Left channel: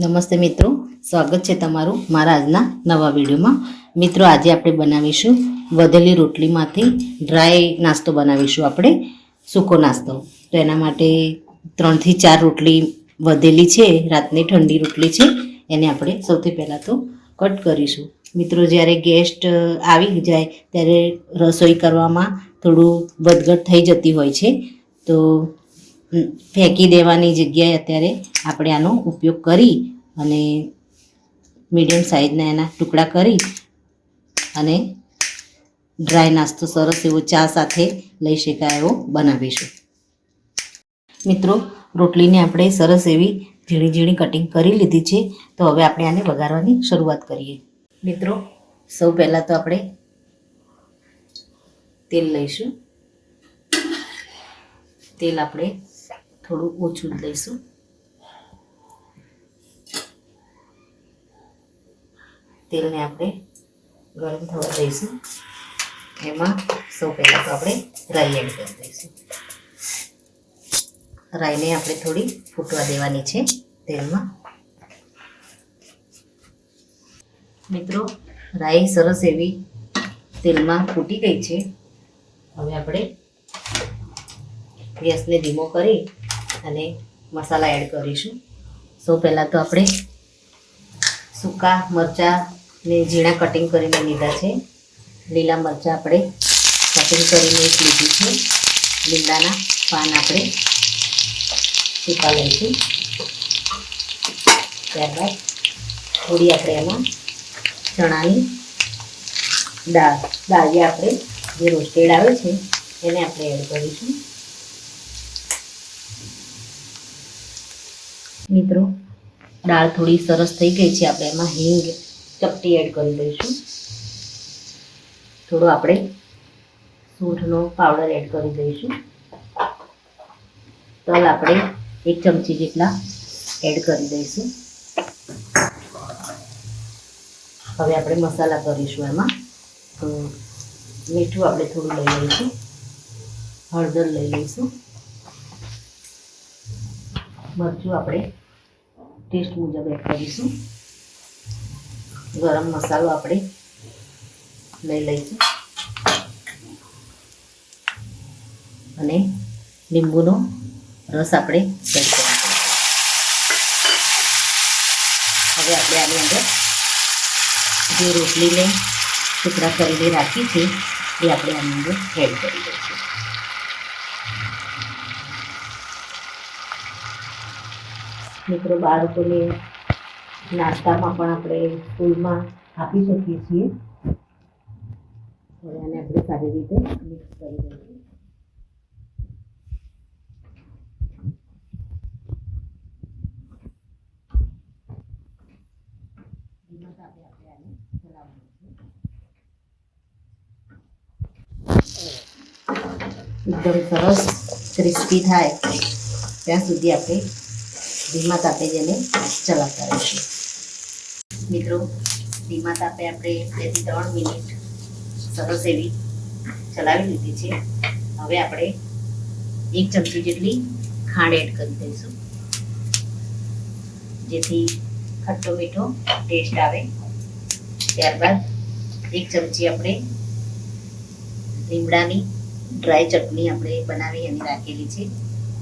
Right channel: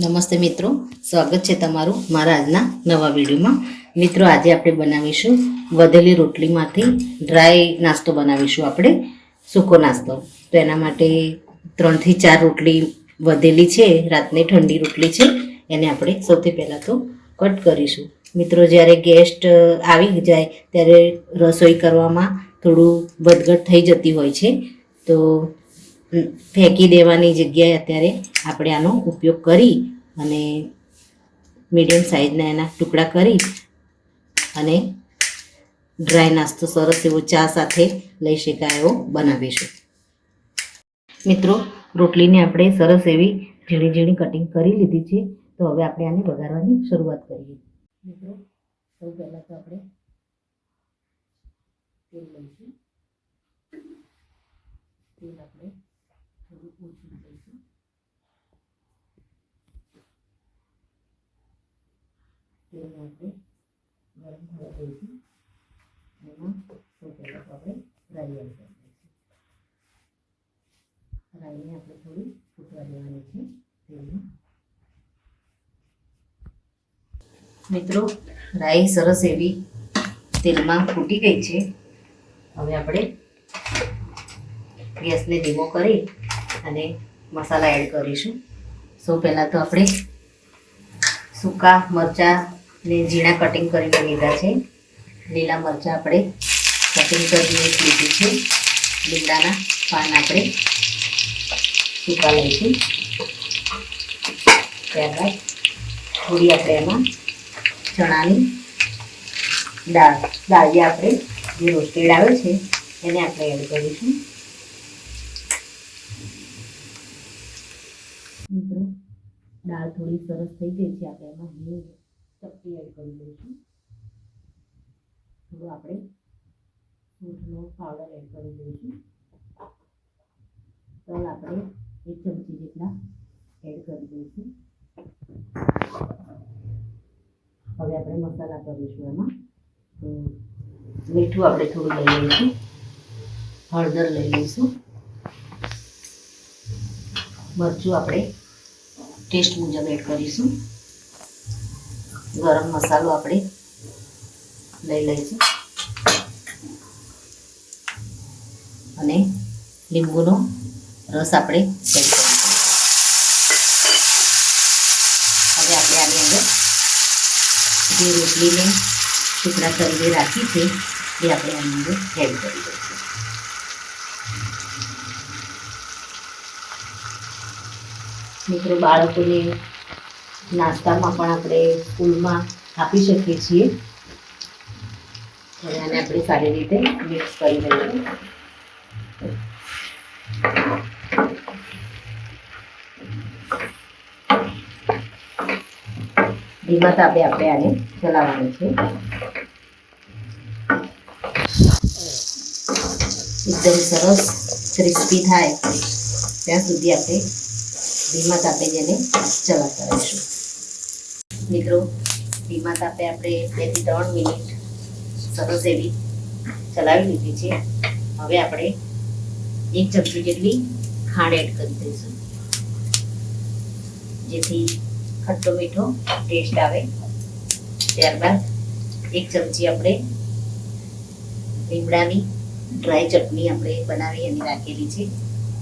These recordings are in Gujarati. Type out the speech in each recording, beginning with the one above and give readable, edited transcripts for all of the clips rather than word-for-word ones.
નમસ્તે મિત્રો, સ્વાગત છે તમારું મારા આજના નવા વિડીયોમાં. મિત્રો, આજે આપણે બનાવીશું વધેલી રોટલીમાંથી ડ્રાય નાસ્તો બનાવીશું, આપણે સૂકો નાસ્તો. તો એના માટે 3 થી 4 રોટલી વધેલી છે, રાતની ઠંડી રોટલી છે, એને આપણે સૌથી પહેલાં તો કટ કરીશું. મિત્રો, જ્યારે ગેસ્ટ આવી જાય ત્યારે રસોઈ કરવામાં થોડું વધઘટ થઈ જતી હોય છે, તો ફેંકી દેવાની જગ્યાએ અત્યારે આપણે આનો ઉપયોગ કરી અને મીડિયમ સાઇઝના એના ટુકડા કરી અને ડ્રાય નાસ્તો સરસ એવો ચા સાથે લઈ શકાય એવો બનાવીશું. મિત્રો, રોટલીને આપણે સરસ એવી ઝીણી ઝીણી કટિંગ કરી લીધી છે. તો હવે આપણે આને વઘારવાની શરૂઆત કરીએ. મિત્રો, સૌ પહેલાં તો આપણે તેલ લઈશું. તેલ આપણે થોડું ઓછું જ લઈશું. તેલને આપણે ગરમ થવા દઈશું. એમાં સૌ પહેલાં તો આપણે રાઈ એડ કરી દઈશું. રાઈને આપણે થોડી ફૂટવા દેવાની છે તેલમાં. મિત્રો, રાઈ સરસ એવી તેલમાં ફૂટી ગઈ છે. હવે આપણે ગેસને ધીમો કરી અને મસાલા એડ કરીશું. સૌ પહેલાં તો આપણે સૂકા મરચાંને ઝીણા કટિંગ કરીને લીધા છે. લીલા મરચાં આપણે કટિંગ કરીને લીધું છે. લીમડાના પાન આપણે સૂકા લઈશું. ત્યારબાદ થોડી આપણે એમાં ચણાની દાળિયા આપણે જે રોસ્ટેડ આવે છે એને આપણે એડ કરીશું. મિત્રો, દાળ થોડી સરસ થઈ ગઈ છે. આપણે એમાં હિંગ ચપટી એડ કરી દઈશું. થોડો આપણે સૂંઠનો પાવડર એડ કરી દઈશું. તલ આપણે 1 ચમચી જેટલા એડ કરી દઈશું. હવે આપણે મસાલા કરીશું. એમાં મીઠું આપણે થોડું લઈ લઈશું. હળદર લઈ લઈશું. મરચું આપણે ટેસ્ટ મુજબ એડ કરીશું. ગરમ મસાલો આપણે લઈ લઈશું અને લીંબુનો રસ આપણે એડ કરીશું. હવે આપણે આની અંદર જે રોટલીને ટુકડા કરીને રાખી છે એ આપણે આની અંદર એડ કરી દઈશું. મિત્રો, બાળકોને નાસ્તામાં પણ આપણે સ્કૂલમાં આપી શકીએ છીએ. હવે આને આપણે સારી રીતે મિક્સ કરી દઈશું. ધીમા તાપે આપણે આને ચલાવવાનું છે. એકદમ સરસ ક્રિસ્પી થાય ત્યાં સુધી આપણે ધીમા તાપે જેને ચલાવતા રહીશું. મિત્રો, ધીમા તાપે આપણે 2 થી 3 મિનિટ સરસ એવી ચલાવી લીધી છે. હવે આપણે 1 ચમચી જેટલી ખાંડ એડ કરી દઈશું, જેથી ખટ્ટો મીઠો ટેસ્ટ આવે. ત્યારબાદ 1 ચમચી આપણે લીમડાની ડ્રાય ચટણી આપણે બનાવી એમ રાખેલી છે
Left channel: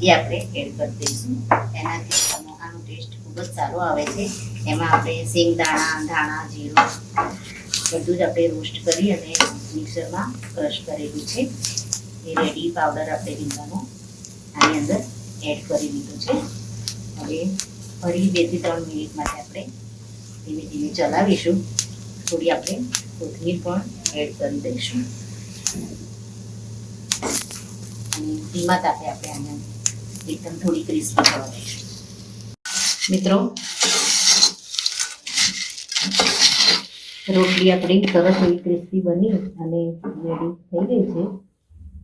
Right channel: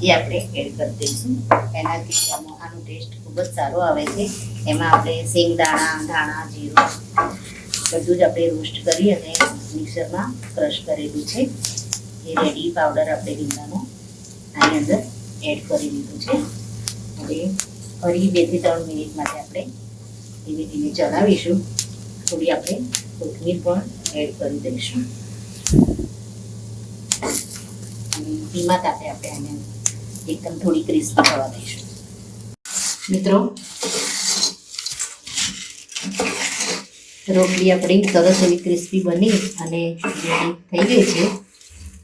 એ આપણે એડ કરી દઈશું. એનાથી આનો ટેસ્ટ ખૂબ જ સારો આવે છે. એમાં આપણે શેંગદાણા, ધાણા, જીરું બધું જ આપણે રોસ્ટ કરી અને મિક્સરમાં ક્રશ કરેલું છે. એ રેડી પાવડર આપણે લીમડાનો આની અંદર એડ કરી દીધું છે. હવે ફરી 2 થી 3 મિનિટ માટે આપણે ધીમે ધીમે ચલાવીશું. થોડી આપણે કોથમીર પણ એડ કરી દઈશું. ધીમા તાપે આપણે આને એકદમ થોડી ક્રિસ્પી થવા દઈશું. મિત્રો, રોટલી આપણી સરસ એવી ક્રિસ્પી બની અને રેડી થઈ ગઈ છે.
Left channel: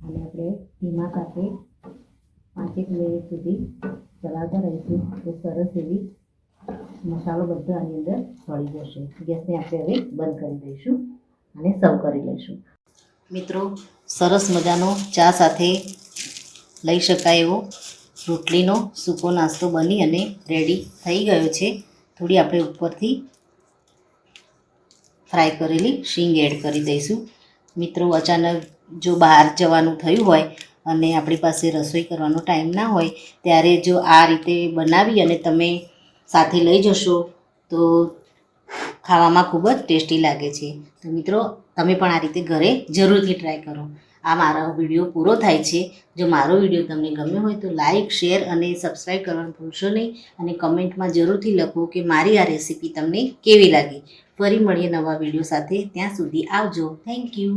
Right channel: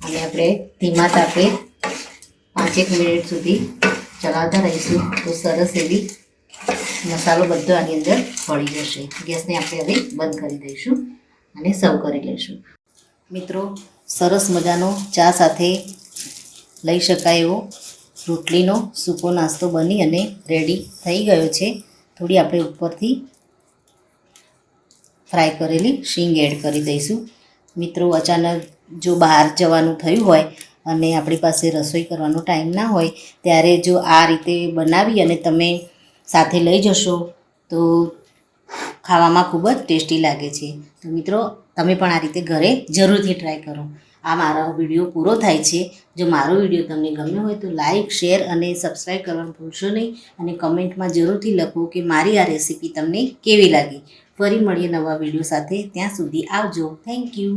અને આપણે ધીમા તાપે 5-1 મિનિટ સુધી ચલાવતા રહીશું તો સરસ એવી મસાલો બધો આની અંદર ભળી જશે. ગેસને આપણે હવે બંધ કરી દઈશું અને સર્વ કરી લઈશું. મિત્રો, સરસ મજાનો ચા સાથે લઈ શકાય એવો રોટલીનો સૂકો નાસ્તો બની અને રેડી થઈ ગયો છે. તો થોડી આપણે ઉપરથી ફ્રાય કરેલી શીંગ એડ કરી દઈશું. મિત્રો, અચાનક જો બહાર જવાનું થયું હોય અને આપણી પાસે રસોઈ કરવાનો ટાઈમ ના હોય ત્યારે જો આ રીતે બનાવી અને તમે સાથે લઈ જશો તો ખાવામાં ખૂબ જ ટેસ્ટી લાગે છે. તો મિત્રો, તમે પણ આ રીતે ઘરે જરૂરથી ટ્રાય કરો. આ મારો વિડીયો પૂરો થાય છે. જો મારો વિડીયો તમને ગમ્યો હોય તો લાઇક, શેર અને સબસ્ક્રાઈબ કરવાનું ભૂલશો નહીં. અને કમેન્ટમાં જરૂરથી લખો કે મારી આ રેસીપી તમને કેવી લાગી. ફરી મળીએ નવા વિડીયો સાથે. ત્યાં સુધી આવજો. Thank you.